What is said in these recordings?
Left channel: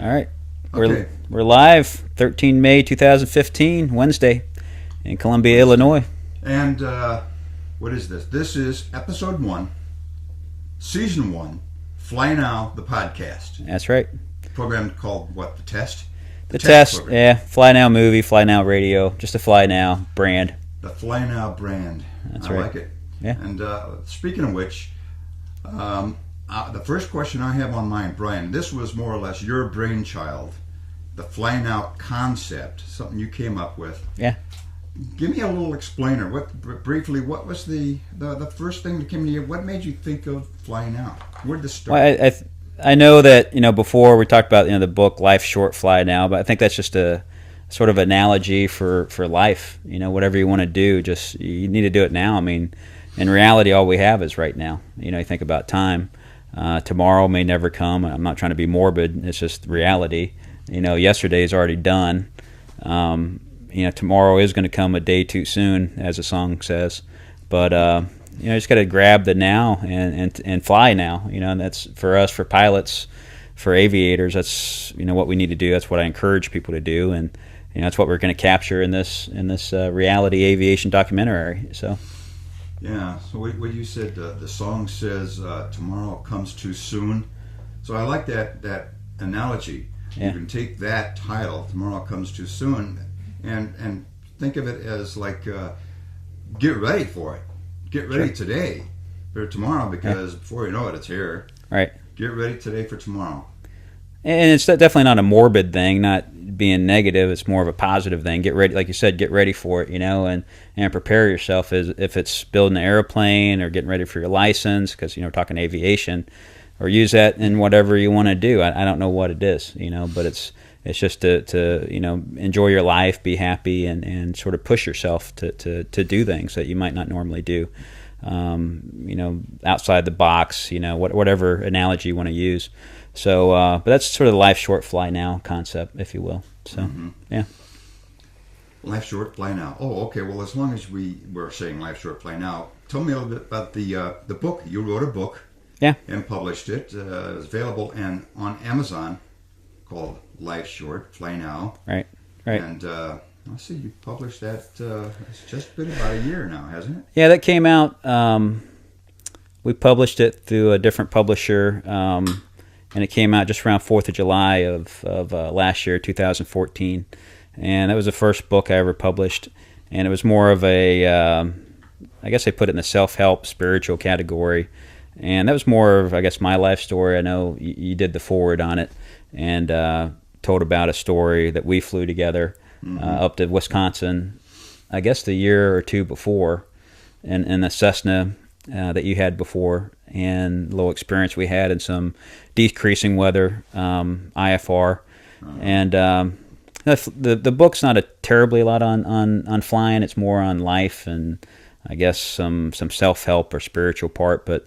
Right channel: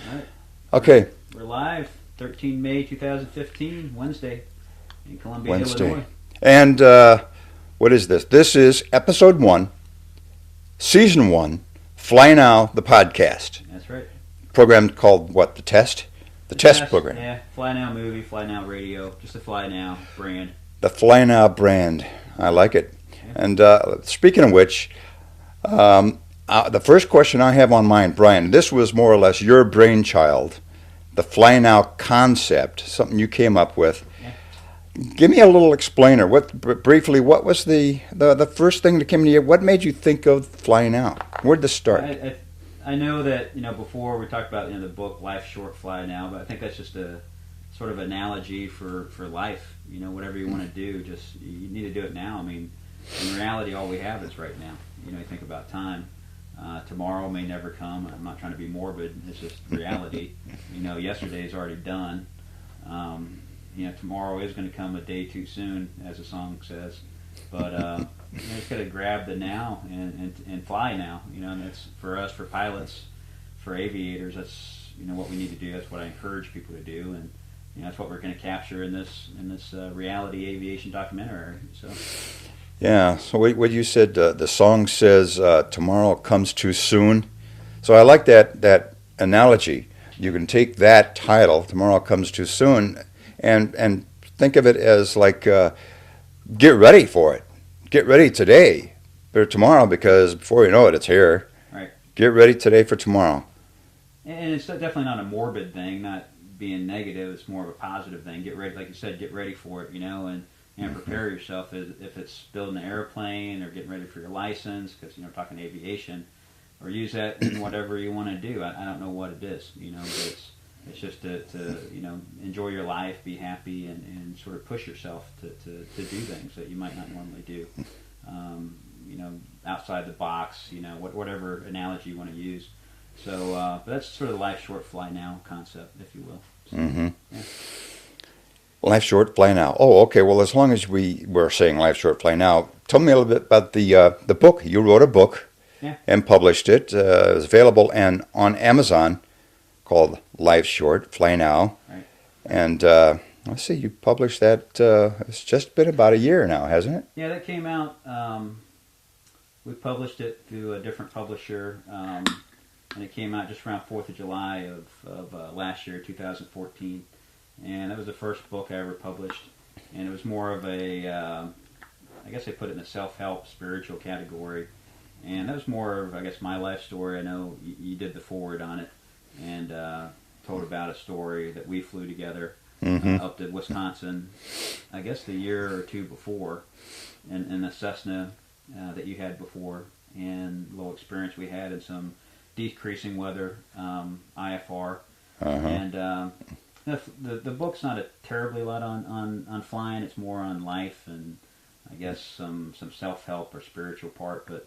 All right. Okay. We're live, 13 May 2015, Wednesday, in Columbia, Wednesday. Illinois. And what is this? This is episode 1, season 1, Fly Now, the podcast. That's right. Program called what? The Test? The test program. Yeah. Fly Now movie, Fly Now radio, just a Fly Now brand. The Fly Now brand. That's I right. like it. Yeah. And speaking of which, the first question I have on mind, Brian, this was more or less your brainchild, the Fly Now concept, something you came up with. Yeah. Give me a little explainer. Briefly, what was the first thing that came to you? What made you think of Fly Now? Where'd this start? Well, I know that, before we talked about, the book Life Short, Fly Now, but I think that's just a sort of analogy for life. Whatever you want to do, just you need to do it now. I mean, in reality, all we have is right now. You think about time. Tomorrow may never come. I'm not trying to be morbid. It's just reality. Yesterday is already done. Tomorrow is going to come a day too soon, as the song says. But just got to grab the now and fly now. And that's for us, for pilots, for aviators. That's what we need to do. That's what I encourage people to do, and that's what we're going to capture in this reality aviation documentary. So. Yeah. So what you said, the song says tomorrow comes too soon. So I like that analogy. Yeah. You can take that title, Tomorrow Comes Too Soon, and think of it as like get ready for it. Get ready today for tomorrow, because before you know it, it's here. Right. Get ready today for tomorrow. And it's definitely not a morbid thing, not being negative. It's more of a positive thing. Get ready, like you said, get ready for it, and prepare yourself. As if it's building an airplane or getting ready for your license, because we're talking aviation, or use that in whatever you want to do. I don't know what it is, but it's just to enjoy your life, be happy, and sort of push yourself to do things that you might not normally do. Outside the box, whatever analogy you want to use. So, but that's sort of the Life Short, Fly Now concept, if you will. So, yeah. Life Short, Fly Now. Oh, okay. Well, as long as we were saying Life Short, Fly Now, tell me a little bit about the book. You wrote a book. Yeah. And published it. It was available on Amazon, called Life Short, Fly Now. Right. And let's see, you published that. It's just been about a year now, hasn't it? Yeah, that came out. We published it through a different publisher, and it came out just around 4th of July of last year, 2014. And that was the first book I ever published. And it was more of a, I guess they put it in the self-help, spiritual category. And that was more of, I guess, my life story. I know you did the forward on it, and told about a story that we flew together up to Wisconsin, I guess the year or two before, in a Cessna that you had before, and a little experience we had in some decreasing weather, IFR. And the book's not a terribly lot on flying. It's more on life and I guess some self-help or spiritual part, but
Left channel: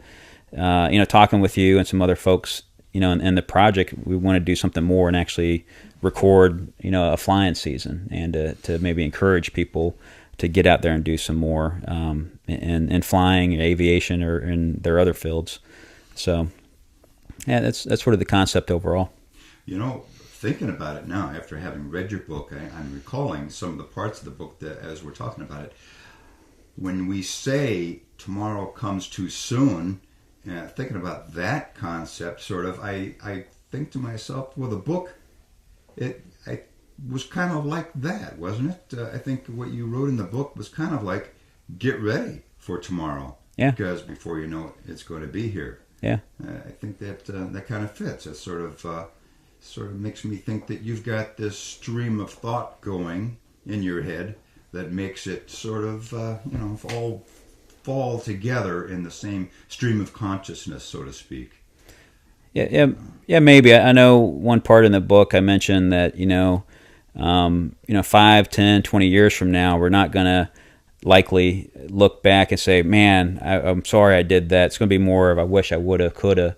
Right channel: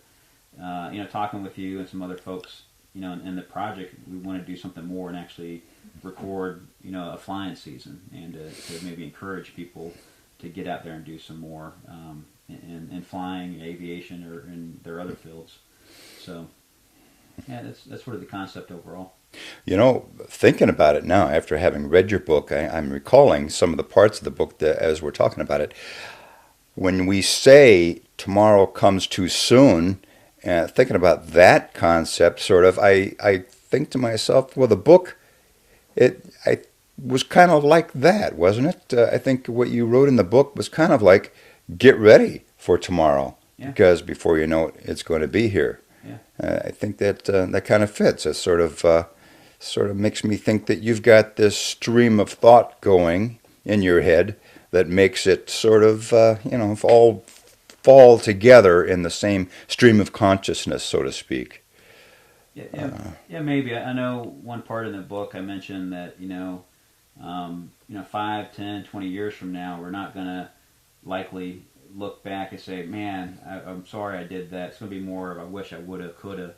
talking with you and some other folks, in the project, we want to do something more and actually record, a flying season, and to maybe encourage people to get out there and do some more in flying, aviation, or in their other fields. So, yeah, that's sort of the concept overall. Thinking about it now, after having read your book, I'm recalling some of the parts of the book that, as we're talking about it, when we say tomorrow comes too soon, thinking about that concept, sort of, I think to myself, well, the book, I was kind of like that, wasn't it? I think what you wrote in the book was kind of like, get ready for tomorrow, because before you know it, it's going to be here. Yeah, I think that that kind of fits. It sort of makes me think that you've got this stream of thought going in your head that makes it sort of, all fall together in the same stream of consciousness, so to speak. Yeah, maybe. I know one part in the book I mentioned that, 5, 10, 20 years from now, we're not going to likely look back and say, man, I'm sorry I did that. It's going to be more of, I wish I would have, could have,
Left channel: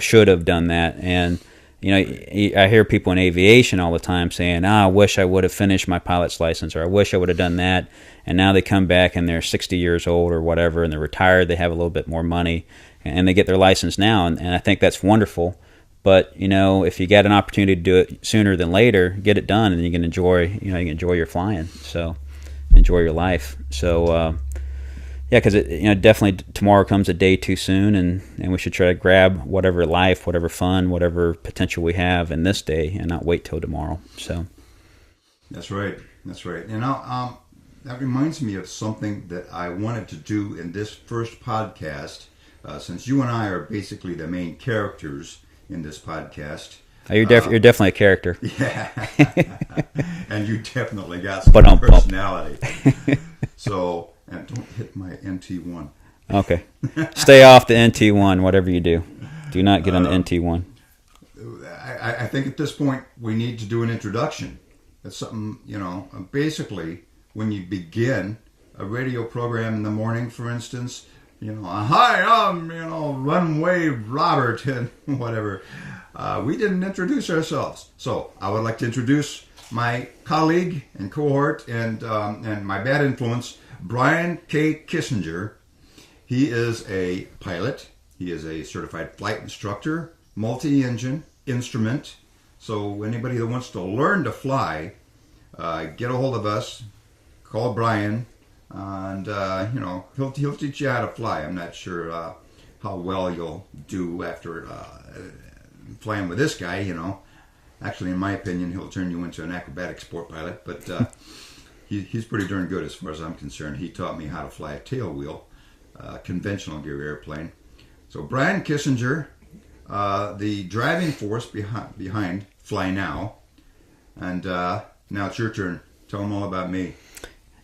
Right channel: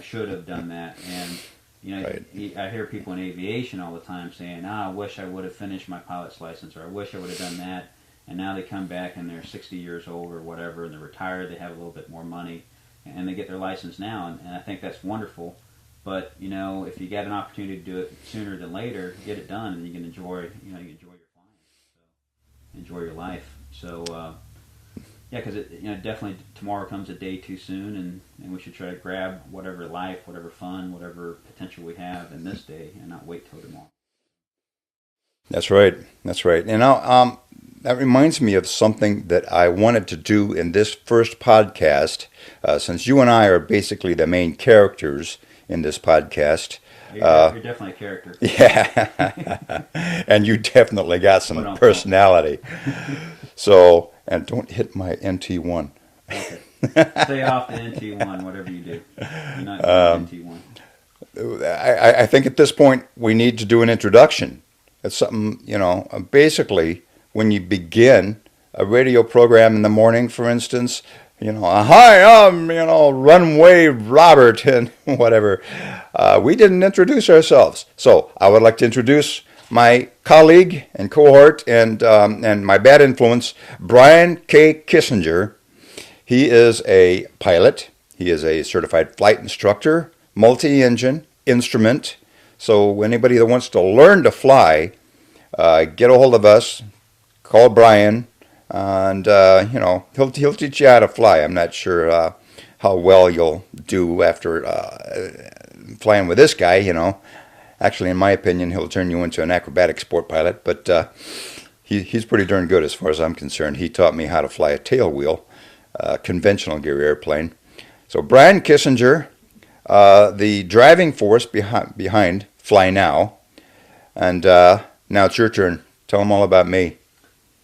should have done that. And, right. I hear people in aviation all the time saying, I wish I would have finished my pilot's license, or I wish I would have done that. And now they come back and they're 60 years old or whatever, and they're retired, they have a little bit more money, and they get their license now. And I think that's wonderful. But if you get an opportunity to do it sooner than later, get it done, and you can enjoy your flying. So enjoy your life. So yeah, because definitely tomorrow comes a day too soon, and we should try to grab whatever life, whatever fun, whatever potential we have in this day, and not wait till tomorrow. So that's right. That's right. That reminds me of something that I wanted to do in this first podcast, since you and I are basically the main characters in this podcast. You're definitely a character. Yeah, and you definitely got some personality. So, and don't hit my NT1. Okay. Stay off the NT1, whatever you do. Do not get on the NT1. I think at this point we need to do an introduction. It's something, basically when you begin a radio program in the morning, for instance, hi, I'm, Runway Robert and whatever. We didn't introduce ourselves. So I would like to introduce my colleague and cohort and my bad influence, Brian K. Kissinger. He is a pilot. He is a certified flight instructor, multi-engine, instrument. So anybody that wants to learn to fly, get a hold of us, call Brian, and he'll teach you how to fly. I'm not sure how well you'll do after flying with this guy. Actually, in my opinion, he'll turn you into an acrobatic sport pilot. But he's pretty darn good as far as I'm concerned. He taught me how to fly a tailwheel, conventional gear airplane. So Brian Kissinger, the driving force behind Fly Now, and now it's your turn. Tell them all about me.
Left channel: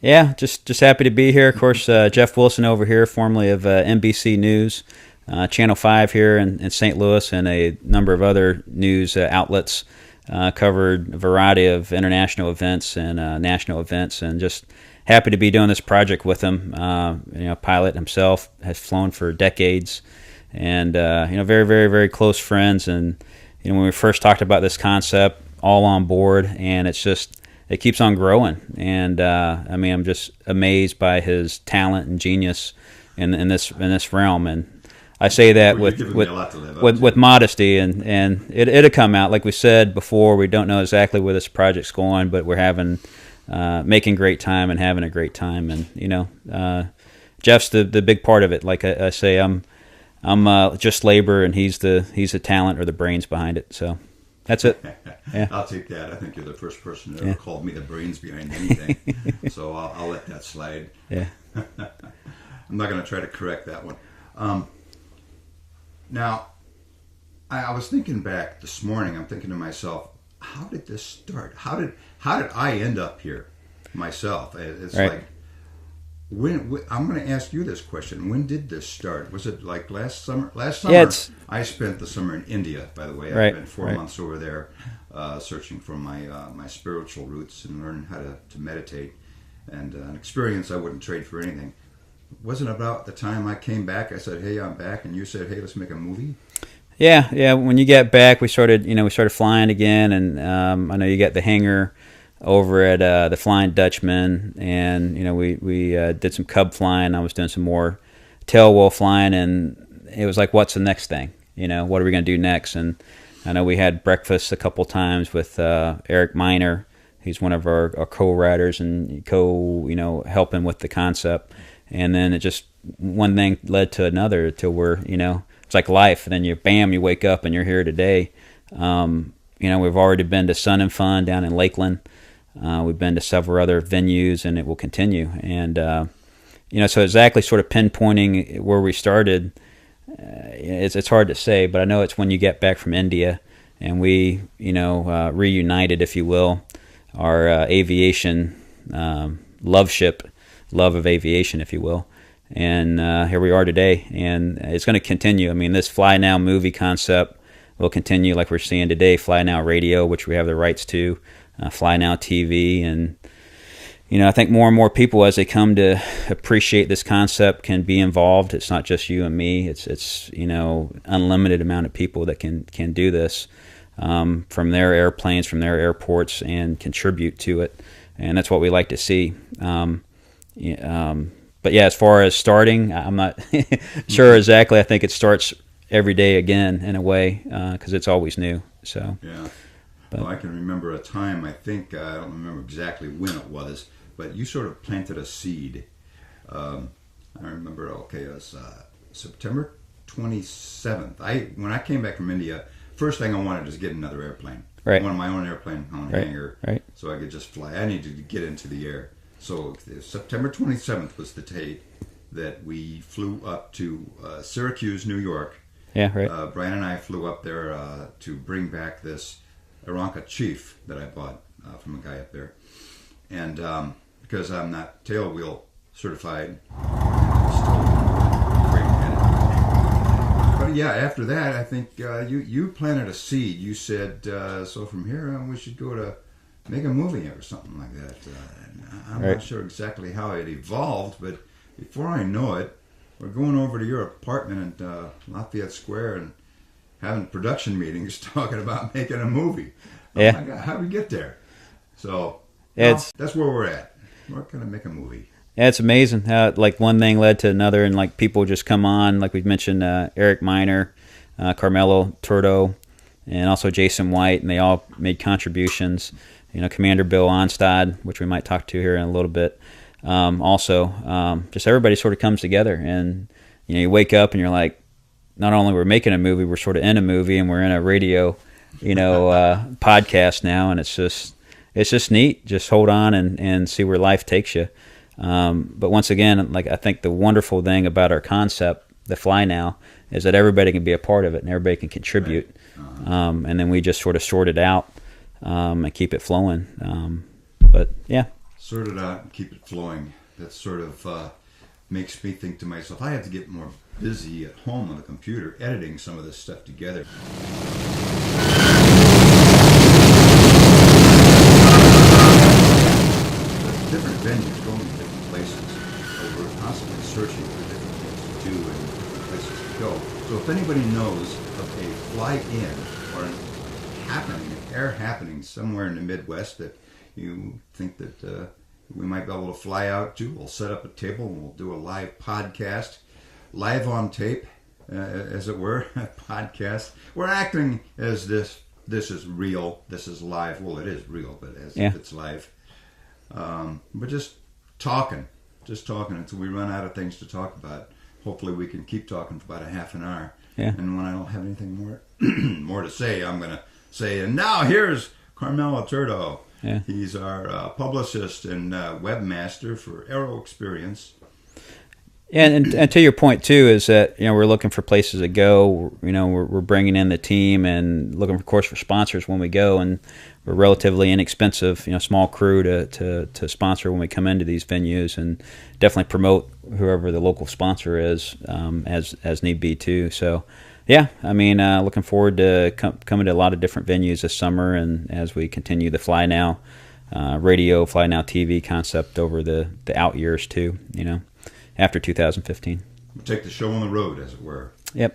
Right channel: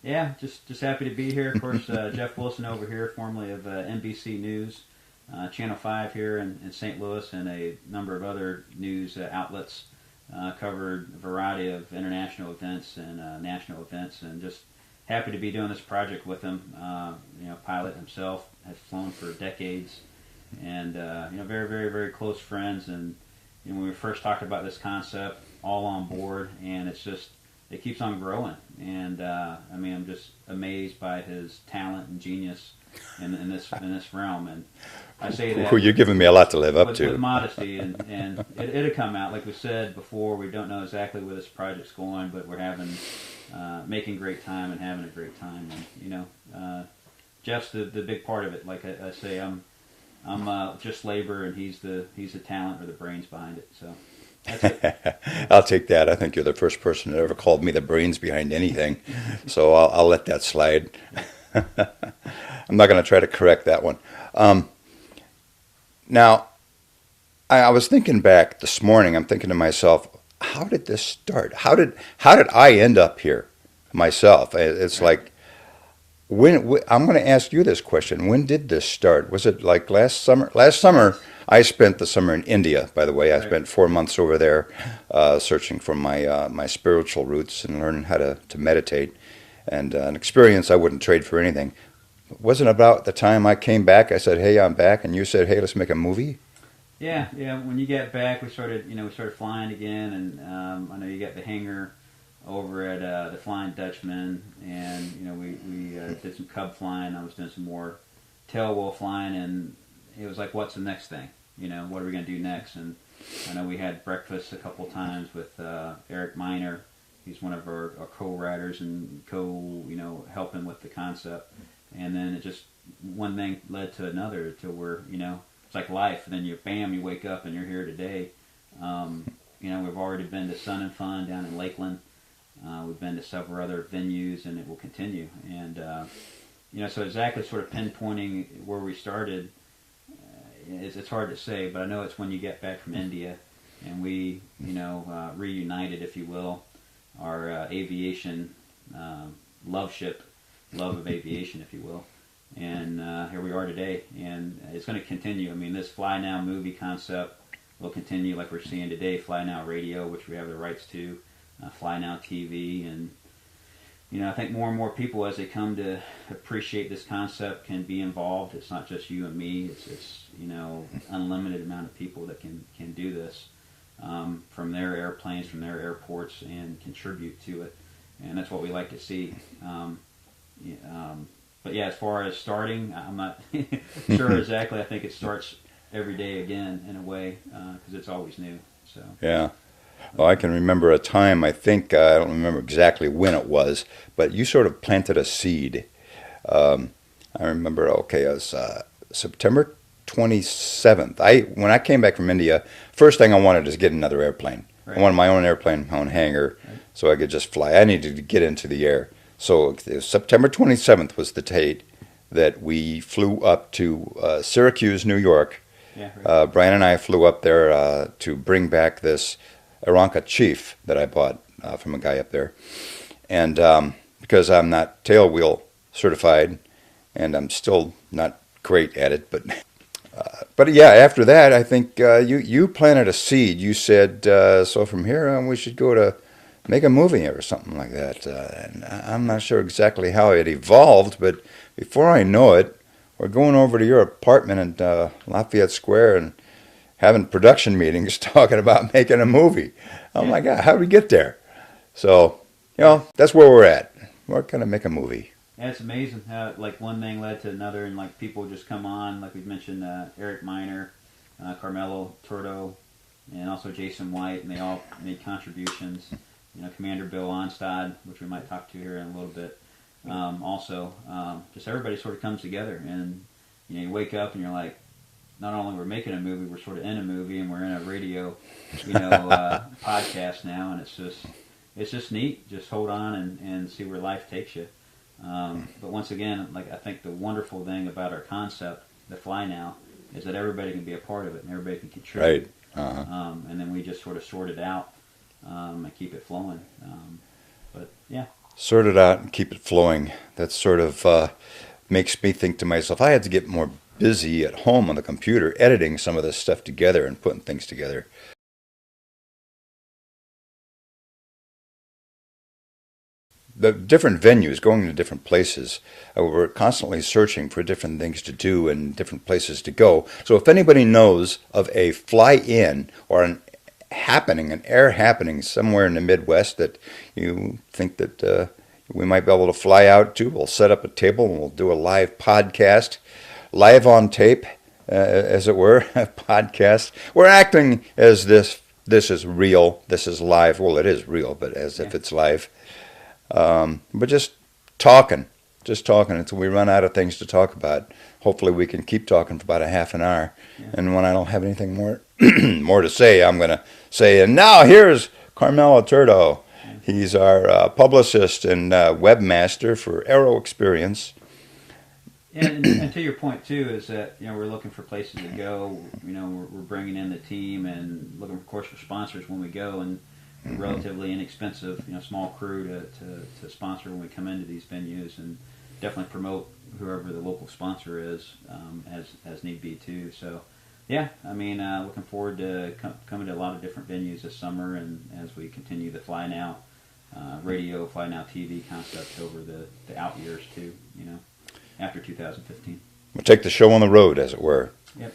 Yeah, just happy to be here. Of course, Jeff Wilson over here, formerly of NBC News, Channel 5 here in St. Louis, and a number of other news outlets. Covered a variety of international events and national events, and just happy to be doing this project with him. Pilot himself, has flown for decades, and very, very, very close friends. And when we first talked about this concept, all on board, and it keeps on growing. And I'm just amazed by his talent and genius in this realm. And I say that you're giving me a lot to live up to. With modesty, and it'll come out. Like we said before, we don't know exactly where this project's going, but we're making great time and having a great time. And Jeff's the big part of it. Like I say, I'm just labor, and he's the talent or the brains behind it. So that's it. Yeah. I'll take that. I think you're the first person that ever called me the brains behind anything. So I'll let that slide. Yeah. I'm not going to try to correct that one. Now, I was thinking back this morning. I'm thinking to myself, how did this start? How did I end up here myself? It's right. Like, when I'm going to ask you this question. When did this start? Was it like last summer? Last summer, I spent the summer in India. By the way, I spent 4 months over there, searching for my spiritual roots and learning how to meditate, and an experience I wouldn't trade for anything. Wasn't about the time I came back, I said, "Hey, I'm back," and you said, "Hey, let's make a movie." Yeah. When you get back, we started flying again, and I know you got the hangar over at the Flying Dutchman, and we did some Cub flying. I was doing some more tailwheel flying, and it was like, what's the next thing? What are we going to do next? And I know we had breakfast a couple times with Eric Miner. He's one of our co-writers and helping with the concept. And then it just, one thing led to another till we're, it's like life. And then you wake up and you're here today. We've already been to Sun and Fun down in Lakeland. We've been to several other venues, and it will continue. And, so exactly sort of pinpointing where we started, it's hard to say, but I know it's when you get back from India and we, reunited, if you will, our aviation love of aviation, if you will. And here we are today, and it's going to continue. I mean, this Fly Now movie concept will continue like we're seeing today. Fly Now Radio, which we have the rights to, Fly Now TV, and I think more and more people, as they come to appreciate this concept, can be involved. It's not just you and me. It's unlimited amount of people that can do this from their airplanes, from their airports, and contribute to it. And that's what we like to see. But yeah, as far as starting, I'm not sure exactly. I think it starts every day again in a way, because it's always new. So yeah. Well, I can remember a time, I think, I don't remember exactly when it was, but you sort of planted a seed. I remember, okay, it was September 27th. When I came back from India, first thing I wanted is get another airplane. Right. I wanted my own airplane, my own hangar, so I could just fly. I needed to get into the air. So September 27th was the date that we flew up to Syracuse, New York. Yeah, right. Brian and I flew up there to bring back this Aeronca Chief that I bought from a guy up there. And because I'm not tailwheel certified, and I'm still not great at it, but yeah, after that, I think you planted a seed. You said, so from here on, we should go to make a movie or something like that. And I'm not sure exactly how it evolved, but before I know it, we're going over to your apartment in Lafayette Square and having production meetings talking about making a movie. Oh my God, how did we get there? So, that's where we're at. We're going to make a movie. Yeah, it's amazing how like one thing led to another, and like people just come on. Like we've mentioned, Eric Miner, Carmelo Turdo, and also Jason White, and they all made contributions. You know, Commander Bill Onstad, which we might talk to here in a little bit. Just everybody sort of comes together, and you know, you wake up and you're like, not only we're making a movie, we're sort of in a movie, and we're in a radio, podcast now, and it's just neat. Just hold on and see where life takes you. But once again, like I think the wonderful thing about our concept, the Fly Now, is that everybody can be a part of it and everybody can contribute. Right. And then we just sort of sort it out and keep it flowing. But yeah. Sort it out and keep it flowing. That sort of makes me think to myself, I had to get more busy at home on the computer editing some of this stuff together and putting things together. The different venues, going to different places, we're constantly searching for different things to do and different places to go. So if anybody knows of a fly-in or an air happening somewhere in the Midwest that you think that we might be able to fly out to, we'll set up a table and we'll do a live podcast, live on tape, as it were, a podcast. We're acting as this is real, this is live. Well, it is real, but as if it's live. But just talking until we run out of things to talk about. Hopefully we can keep talking for about a half an hour. Yeah. And when I don't have anything more more to say, I'm going to say, and now here's Carmelo Turdo. Yeah. He's our publicist and webmaster for Aero Experience. And to your point too is that we're looking for places to go. We're bringing in the team and looking, of course, for sponsors when we go, and we're relatively inexpensive, small crew to sponsor when we come into these venues, and definitely promote whoever the local sponsor is as need be too. So, yeah, I mean, looking forward to coming to a lot of different venues this summer, and as we continue the Fly Now radio, Fly Now TV concept over the out years too. After 2015, we'll take the show on the road, as it were. Yep.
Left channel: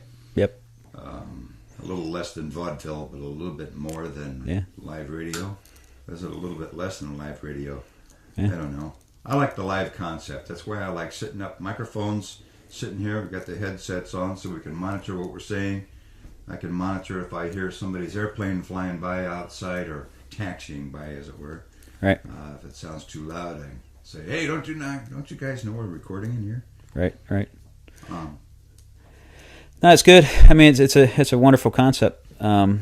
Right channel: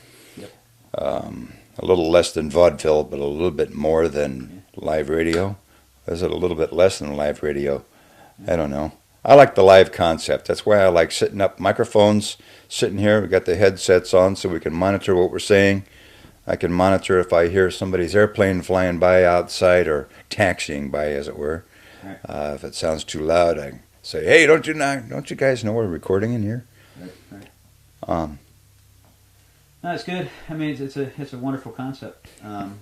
A little less than vaudeville, but a little bit more than live radio. Is it a little bit less than live radio? Yeah. I don't know. I like the live concept. That's why I like sitting up, microphones, sitting here. We got the headsets on so we can monitor what we're saying. I can monitor if I hear somebody's airplane flying by outside or taxiing by, as it were. Right. If it sounds too loud, I say, "Hey, don't you guys know we're recording in here?" Right. No, it's good. I mean, it's a wonderful concept. Where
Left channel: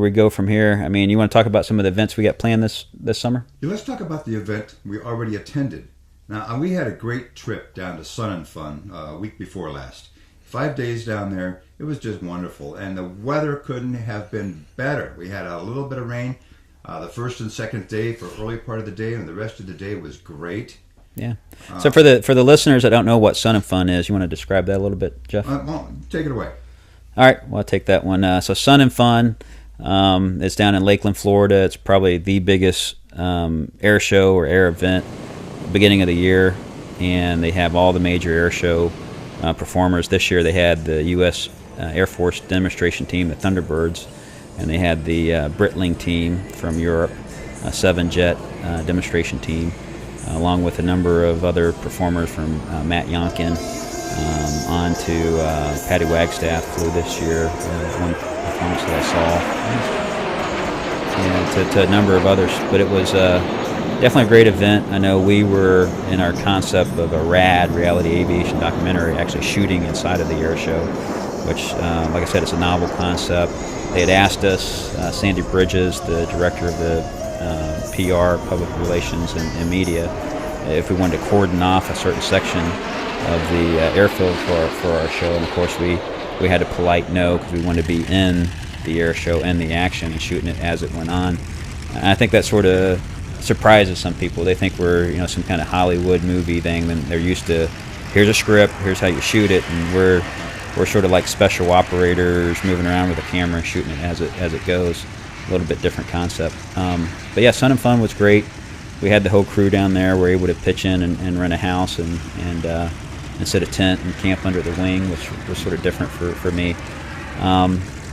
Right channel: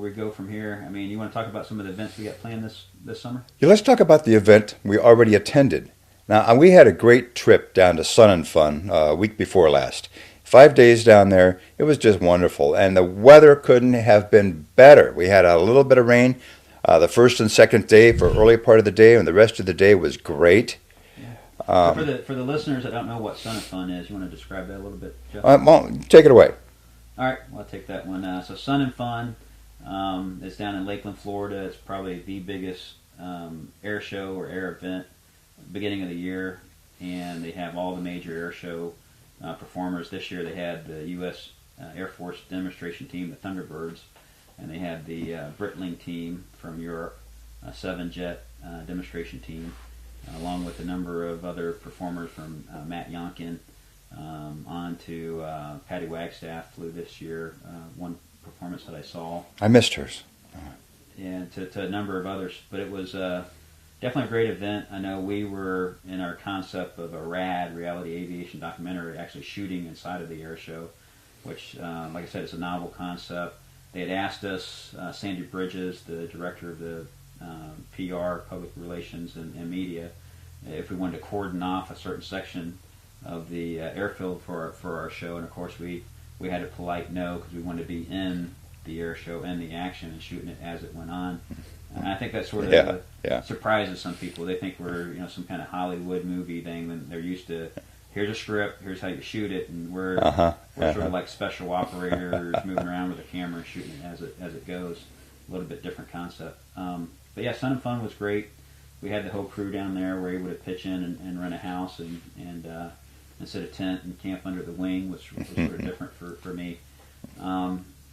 we go from here. I mean, you want to talk about some of the events we got planned this summer? Yeah, let's talk about the event we already attended. Now, we had a great trip down to Sun and Fun a week before last. 5 days down there. It was just wonderful, and the weather couldn't have been better. We had a little bit of rain the first and second day for early part of the day, and the rest of the day was great. Yeah. So for the listeners that don't know what Sun and Fun is, you want to describe that a little bit, Jeff? Well, take it away. All right. Well, I'll take that one. So Sun and Fun, it's down in Lakeland, Florida. It's probably the biggest air show or air event beginning of the year, and they have all the major air show performers. This year they had the U.S. Air Force demonstration team, the Thunderbirds, and they had the Britling team from Europe, a 7-jet demonstration team, along with a number of other performers from Matt Yonkin, On to Patty Wagstaff flew this year. One performance that I saw. I missed her. Yeah, to a number of others. But it was definitely a great event. I know we were in our concept of a RAD, reality aviation documentary, actually shooting inside of the air show, which, like I said, it's a novel concept. They had asked us, Sandy Bridges, the director of the PR, Public Relations and Media, if we wanted to cordon off a certain section of the airfield for our show. And of course we had a polite no, because we wanted to be in the air show and the action and shooting it as it went on. And I think that sort of surprises some people. They think we're some kind of Hollywood movie thing, and they're used to, here's a script, here's how you shoot it, and we're sort of like special operators moving around with a camera and shooting it as it goes. A little bit different concept. But yeah, Sun and Fun was great. We had the whole crew down there. We're able to pitch in and rent a house and set a tent and camp under the wing, which was sort of different for me.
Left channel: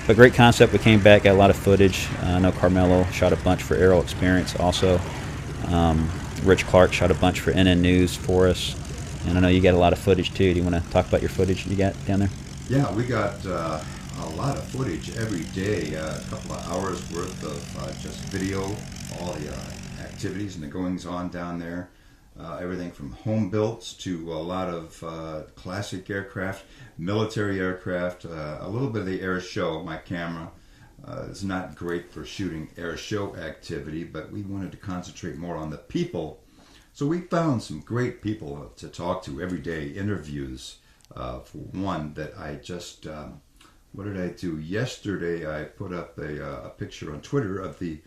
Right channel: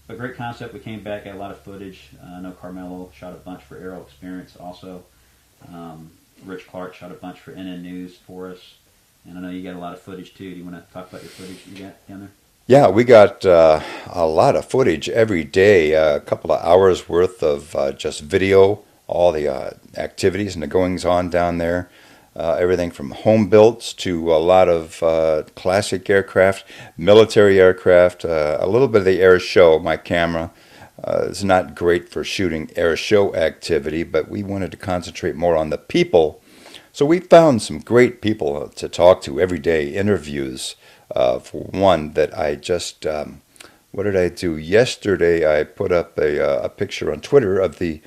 But great concept. We came back, got a lot of footage. I know Carmelo shot a bunch for Aero Experience also. Rich Clark shot a bunch for NN News for us. And I know you got a lot of footage too. Do you want to talk about your footage you got down there? Yeah, we got a lot of footage every day, a couple of hours worth of just video, all the activities and the goings-on down there. Everything from home builds to a lot of classic aircraft, military aircraft, a little bit of the air show. My camera is not great for shooting air show activity, but we wanted to concentrate more on the people. So we found some great people to talk to every day, interviews. For one, that I just, what did I do? Yesterday I put up a picture on Twitter of the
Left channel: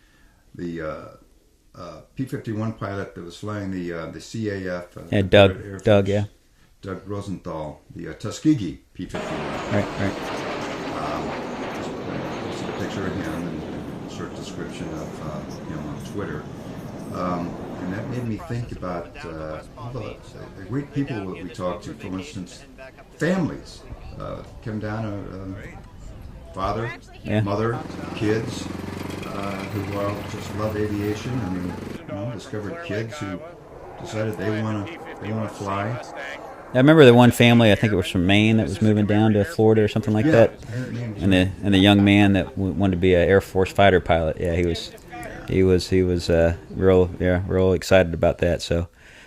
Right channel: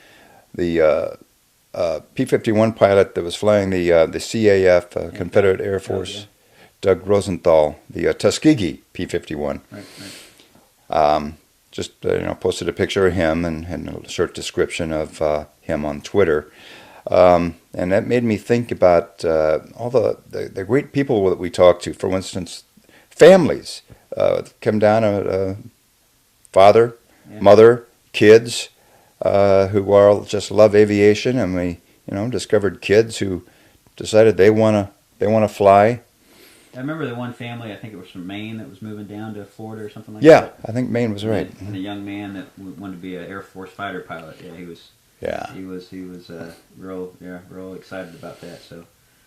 P-51 pilot that was flying the CAF, Confederate Air Force, Doug Rosenthal, the Tuskegee P-51. Right. Just posted a picture of him and a short description of him on Twitter. And that made me think about all the great people that we talked to. For instance, families come down, father, mother, kids, who all just love aviation, and we discovered kids who decided they want to fly. I remember the one family, I think it was from Maine, that was moving down to Florida or something like that. Yeah, I think Maine was right. And the young man that wanted to be an Air Force fighter pilot. Yeah, he was. Yeah. He was real excited about that. So,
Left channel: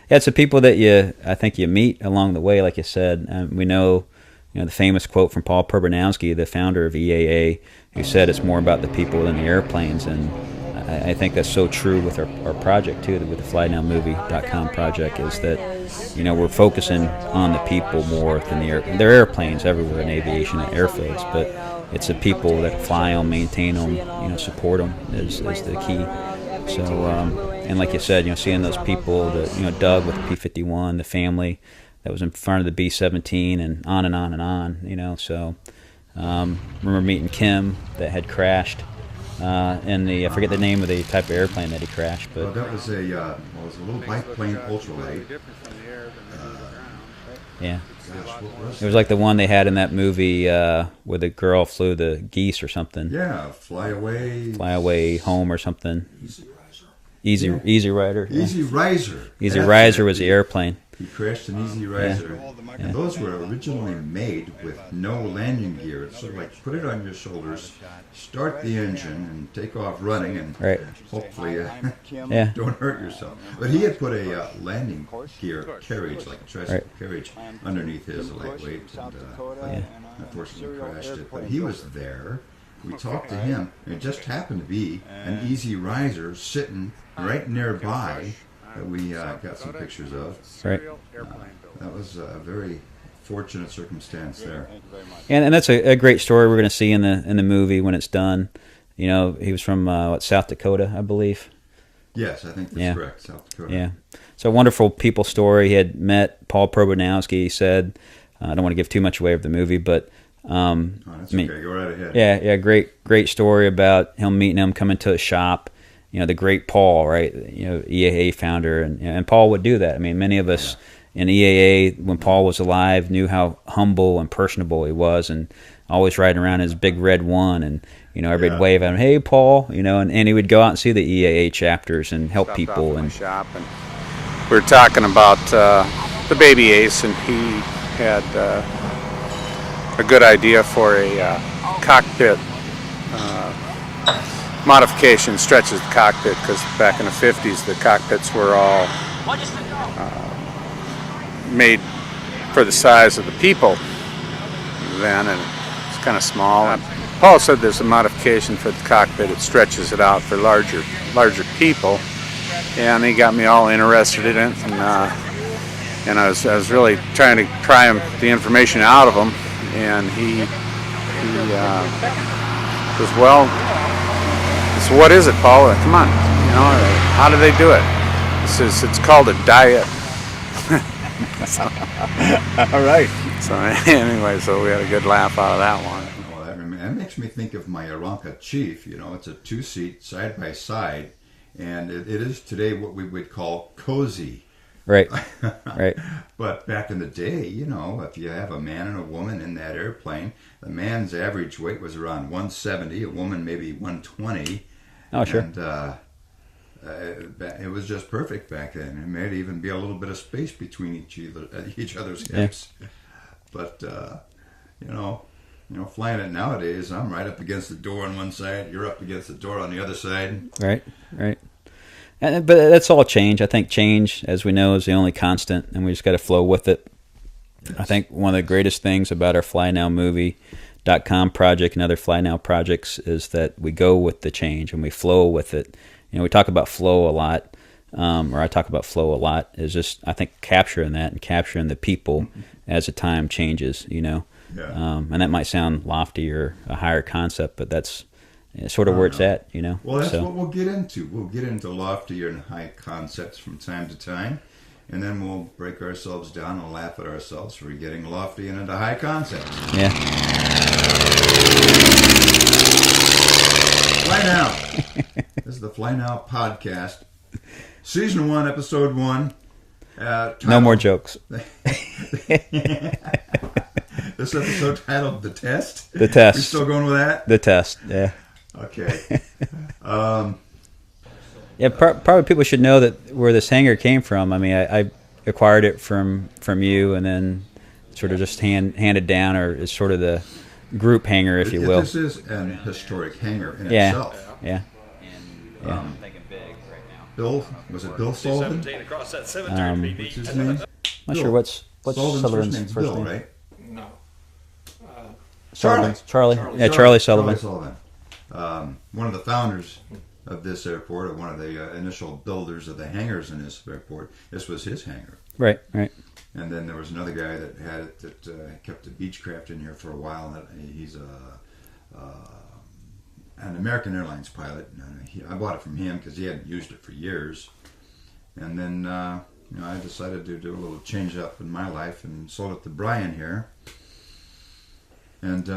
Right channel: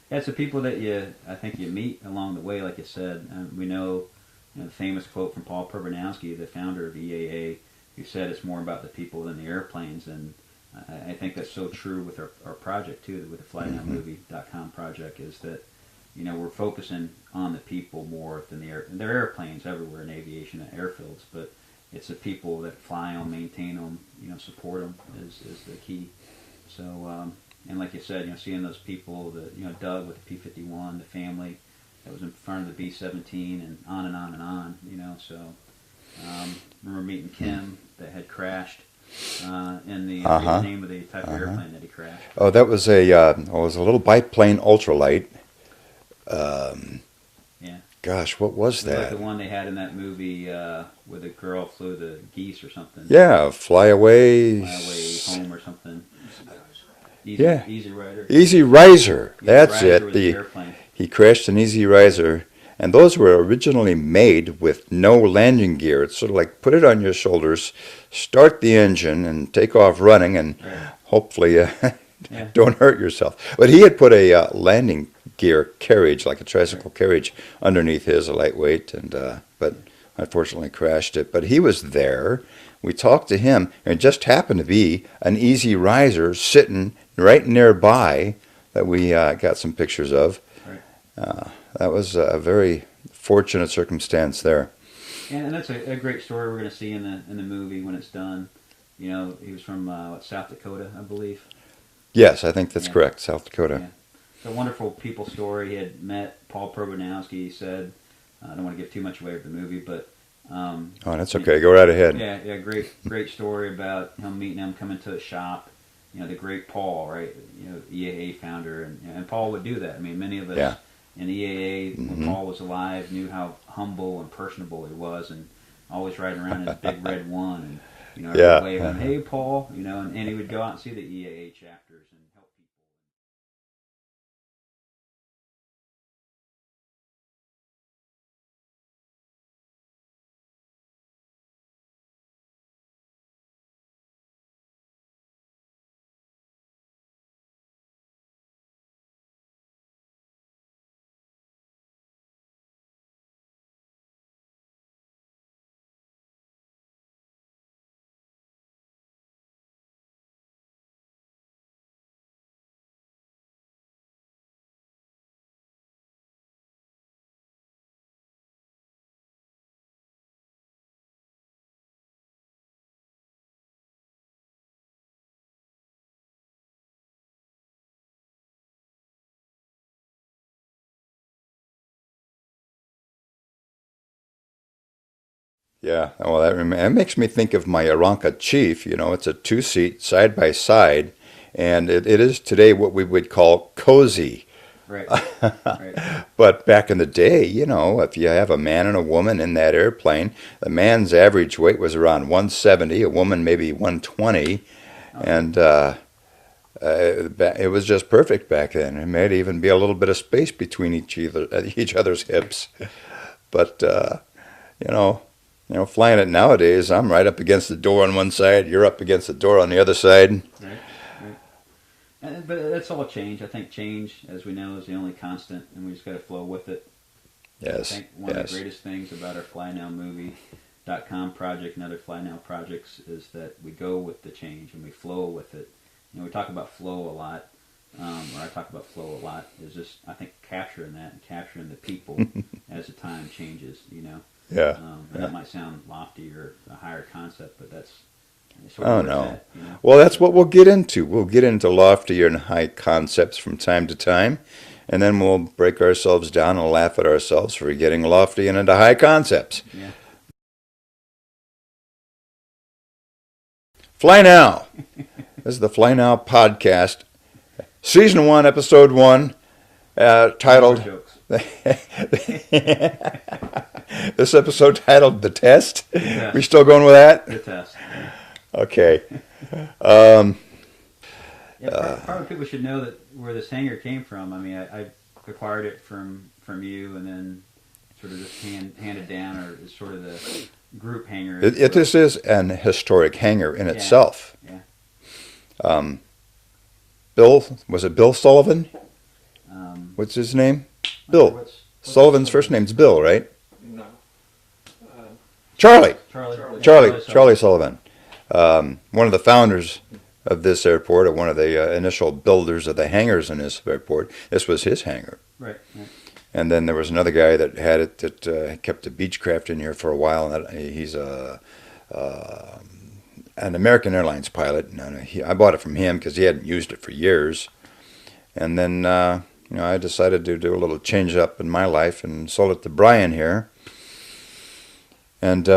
yeah, it's the people that I think you meet along the way, like you said. We know, the famous quote from Paul Perbanowski, the founder of EAA, who said it's more about the people than the airplanes, and I think that's so true with our project too, with the FlyNowMovie.com project, is that we're focusing on the people more than the there are airplanes everywhere in aviation and airfields, but it's the people that fly them, maintain them, support them is the key. So, and like you said, seeing those people, Doug with the P-51, the family that was in front of the B-17, and on and on and on, So, remember meeting Kim that had crashed in the I forget the name of the type of airplane that he crashed. But that was it was a little biplane ultralight. Yeah. Gosh, what was that? It was like the one they had in that movie where the girl flew the geese or something. Yeah, Fly Away Home or something. Easy Rider. Easy Riser. Easy Riser was the airplane. He crashed an Easy Riser, and those were originally made with no landing gear. It's sort of like put it on your shoulders, start the engine, and take off running, and hopefully don't hurt yourself. But he had put a landing gear carriage, like a tricycle carriage, underneath his, lightweight, and but unfortunately crashed it. But he was there. We talked to him, and it just happened to be an Easy Riser sitting right nearby that we got some pictures of. Right. That was a very fortunate circumstance there. And that's a great story we're going to see in the movie when it's done. He was from South Dakota, I believe. Yes, I think that's correct, South Dakota. Yeah. So a wonderful people story. He had met Paul Perbanowski. He said, I don't want to give too much away of the movie, but that's okay. Go right ahead. Yeah. Great story about him meeting him, coming to a shop. The great Paul, right? EAA founder, and Paul would do that. I mean, many of us in EAA, when Paul was alive, knew how humble and personable he was, and always riding around in his big red one, and everybody wave at him, "Hey, Paul," and he would go out and see the EAA chapters and help people. And we were talking about the baby Ace, and he had a good idea for a cockpit modification, stretches the cockpit, because back in the 50s the cockpits were all made for the size of the people then, and it's kind of small. Paul said there's a modification for the cockpit, it stretches it out for larger people, and he got me all interested in it, and I was really trying to pry the information out of him, and he was, well, so what is it, Paul? Come on, how do they do it? He says it's called a diet. All right. So anyway, so we had a good laugh out of that one. Yeah. Well, that makes me think of my Aeronca Chief. It's a 2-seat side by side, and it is today what we would call cozy. Right. Right. But back in the day, if you have a man and a woman in that airplane, the man's average weight was around 170, a woman maybe 120. Oh, sure. And it was just perfect back then. It may even be a little bit of space between each other's hips. Yeah. But, flying it nowadays, I'm right up against the door on one side, you're up against the door on the other side. Right, right. But that's all change. I think change, as we know, is the only constant, and we just got to flow with it. Yes, I think one of the greatest things about our FlyNowMovie.com project and other Fly Now projects is that we go with the change and we flow with it. We talk about flow a lot, or I talk about flow a lot, is just, I think, capturing that and capturing the people as the time changes, Yeah. And that might sound lofty or a higher concept, but that's sort of where it's at, Well, that's what we'll get into. We'll get into loftier and high concepts from time to time, and then we'll break ourselves down and laugh at ourselves for getting lofty and into high concepts. Yeah. Fly Now. This is the Fly Now podcast, Season 1, Episode 1. Titled, no more jokes. This episode titled The Test. The Test. We still going with that? The Test, yeah. Okay. Probably people should know that where this hanger came from. I mean, I acquired it from you, and then sort of just handed down, or is sort of the group hanger, if you will. This is an historic hanger in itself. Yeah. Bill, was it Bill Sullivan? What's his name? Bill. Sure what's Sullivan's first name's Bill, right? No. Charlie. Yeah, Charlie Sullivan. Charlie Sullivan. One of the founders of this airport, or one of the initial builders of the hangars in this airport. This was his hangar. Right. And then there was another guy that had it that kept the Beechcraft in here for a while. And he's an American Airlines pilot. And I bought it from him because he hadn't used it for years. And then I decided to do a little change up in my life and sold it to Brian here. And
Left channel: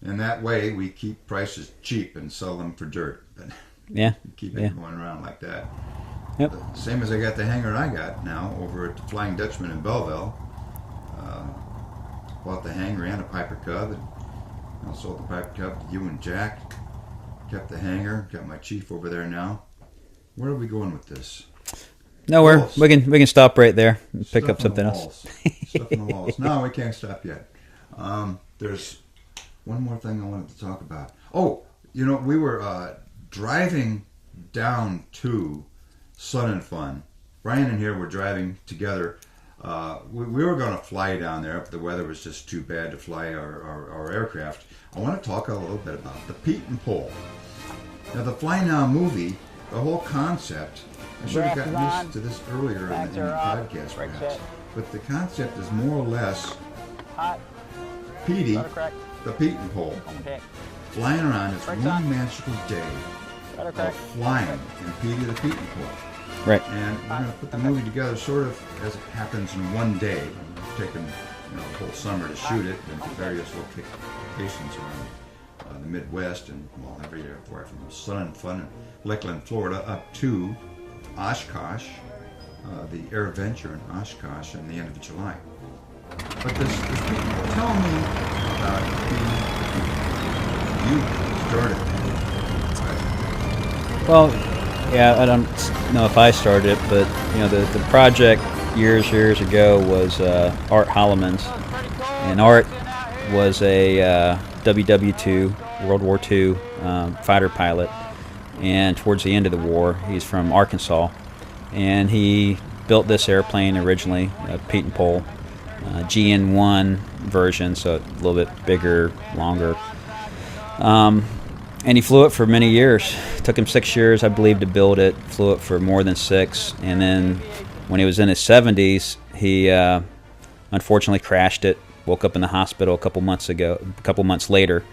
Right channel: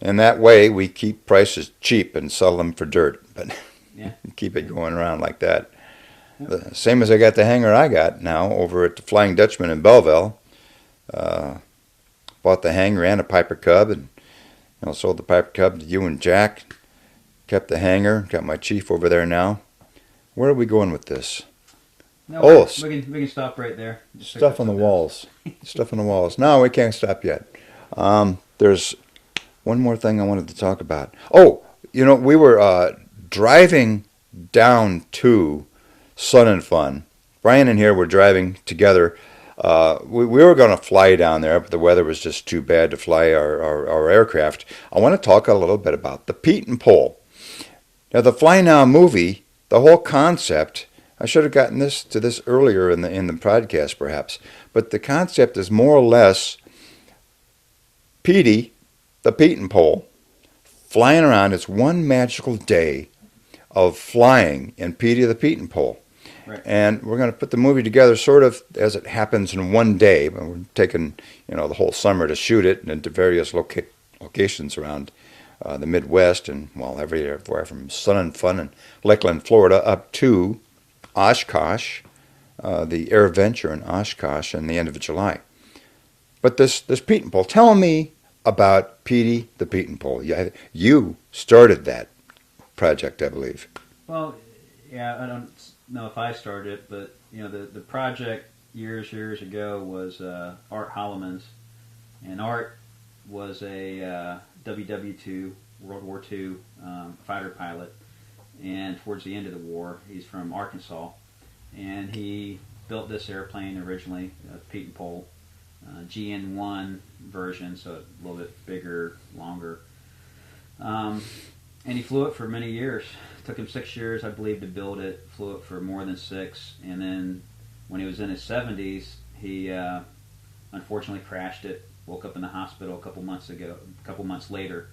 in that way, we keep prices cheap and sell them for dirt. But keep it going around like that. Yep. Same as I got the hangar I got now over at the Flying Dutchman in Belleville. Bought the hangar and a Piper Cub, and sold the Piper Cub to you and Jack. Kept the hangar. Got my Chief over there now. Where are we going with this? Nowhere. We can stop right there. And pick Stuff up on the walls. Stuff on the walls. No, we can't stop yet. There's one more thing I wanted to talk about. Oh, we were driving down to Sun and Fun. Brian and here were driving together. We were going to fly down there, but the weather was just too bad to fly our aircraft. I want to talk a little bit about the Pietenpol. Now, the Fly Now movie, the whole concept, I should have gotten to this earlier in the podcast perhaps, but the concept is more or less Petey, the Pietenpol, flying around. It's one magical day of flying in Petey the Pietenpol. Right. And we're going to put the movie together sort of as it happens in one day. But we're taking, the whole summer to shoot it into various locations around the Midwest and everywhere from Sun and Fun in Lakeland, Florida, up to Oshkosh, the Air Venture in Oshkosh, in the end of July. But this Pietenpol, tell me about Petey the Pietenpol. You started that project, I believe. Well, yeah, I don't know if I started it, but the project years ago was Art Holloman's, And Art was a WW2, World War II fighter pilot. And towards the end of the war, he's from Arkansas. And he built this airplane originally, a Pietenpol GN1 version, so a little bit bigger, longer. And he flew it for many years. It took him 6 years, I believe, to build it. Flew it for more than 6. And then when he was in his 70s, he unfortunately crashed it. Woke up in the hospital a couple months later.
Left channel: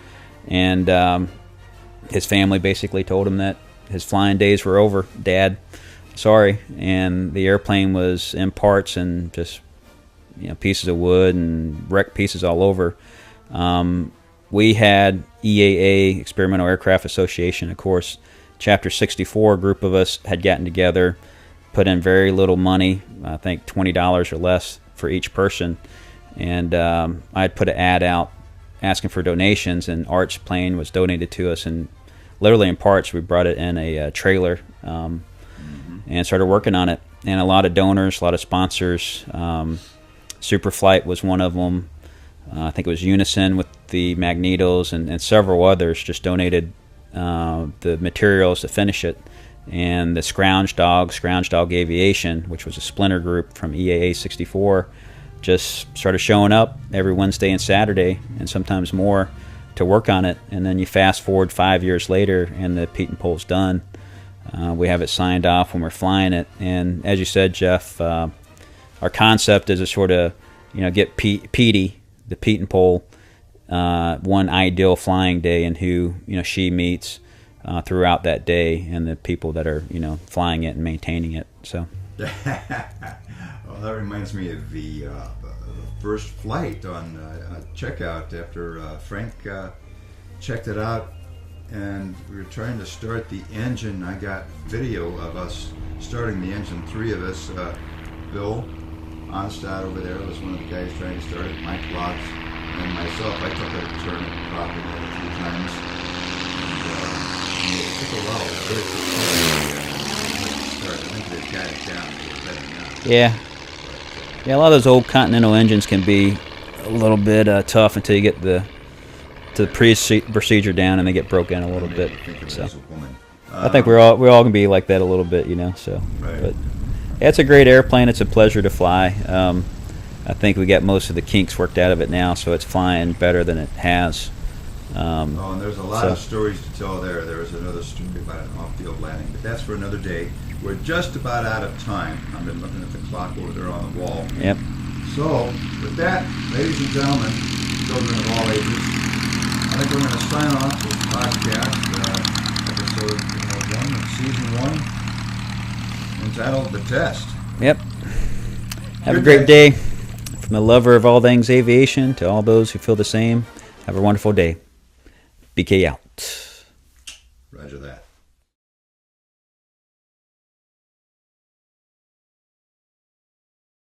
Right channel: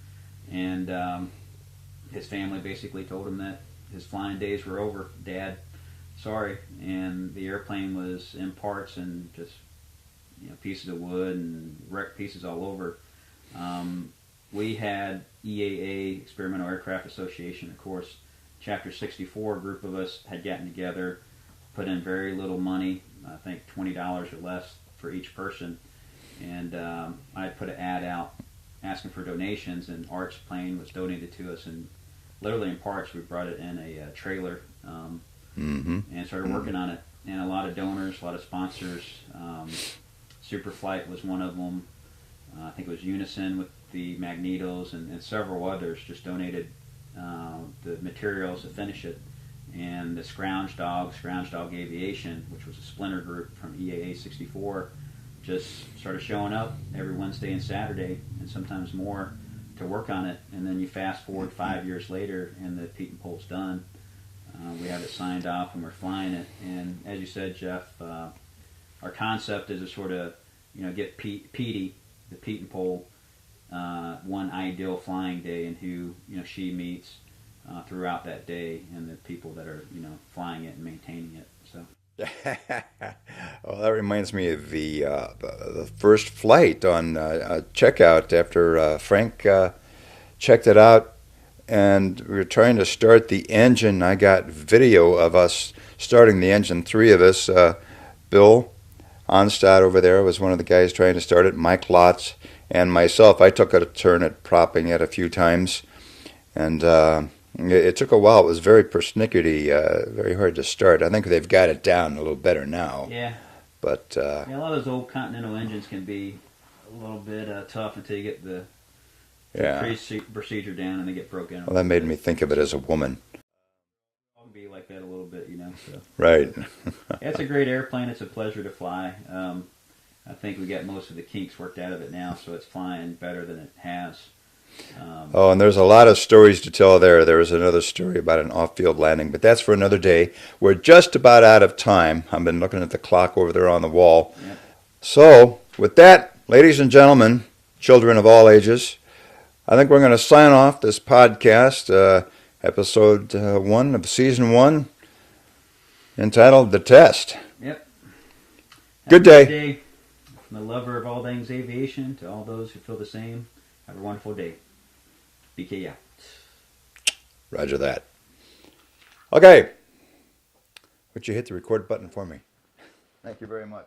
And his family basically told him that his flying days were over. Dad, sorry. And the airplane was in parts and just pieces of wood and wrecked pieces all over. We had EAA, Experimental Aircraft Association, of course, Chapter 64, a group of us had gotten together, put in very little money, I think $20 or less for each person. And I had put an ad out asking for donations, and Art's plane was donated to us. And literally in parts, we brought it in a trailer and started working on it. And a lot of donors, a lot of sponsors. Superflight was one of them. I think it was Unison with the magnetos, and several others just donated the materials to finish it. And the Scrounge Dog Aviation, which was a splinter group from EAA 64, just started showing up every Wednesday and Saturday, and sometimes more, to work on it. And then you fast forward 5 years later, and the Pietenpol's done. We have it signed off when we're flying it. And as you said, Jeff, our concept is to sort of, get Petey, the Pietenpol, one ideal flying day, and who she meets throughout that day, and the people that are flying it and maintaining it. So. Well, that reminds me of the first flight on checkout after Frank checked it out, and we were trying to start the engine. I got video of us starting the engine, 3 of us. Bill Onstad over there was one of the guys trying to start it, Mike Lotz, and myself. I took a turn at propping it a few times, and it took a while. It was very persnickety, very hard to start. I think they've got it down a little better now. Yeah. But a lot of those old Continental engines can be a little bit tough until you get the procedure down, and they get broken a little bit. That made me think of it as a woman. I think we're all gonna be like that a little bit, So right. It's a great airplane. It's a pleasure to fly. I think we got most of the kinks worked out of it now, so it's flying better than it has. And there's a lot of stories to tell there. There was another story about an off-field landing, but that's for another day. We're just about out of time. I've been looking at the clock over there on the wall. Yep. So, with that, ladies and gentlemen, children of all ages, I think we're going to sign off this podcast, episode 1 of season 1, entitled The Test. Yep. Have Good a great day. day. From the lover of all things aviation to all those who feel the same, have a wonderful day. BK out. Roger that. Okay. Would you hit the record button for me? Thank you very much.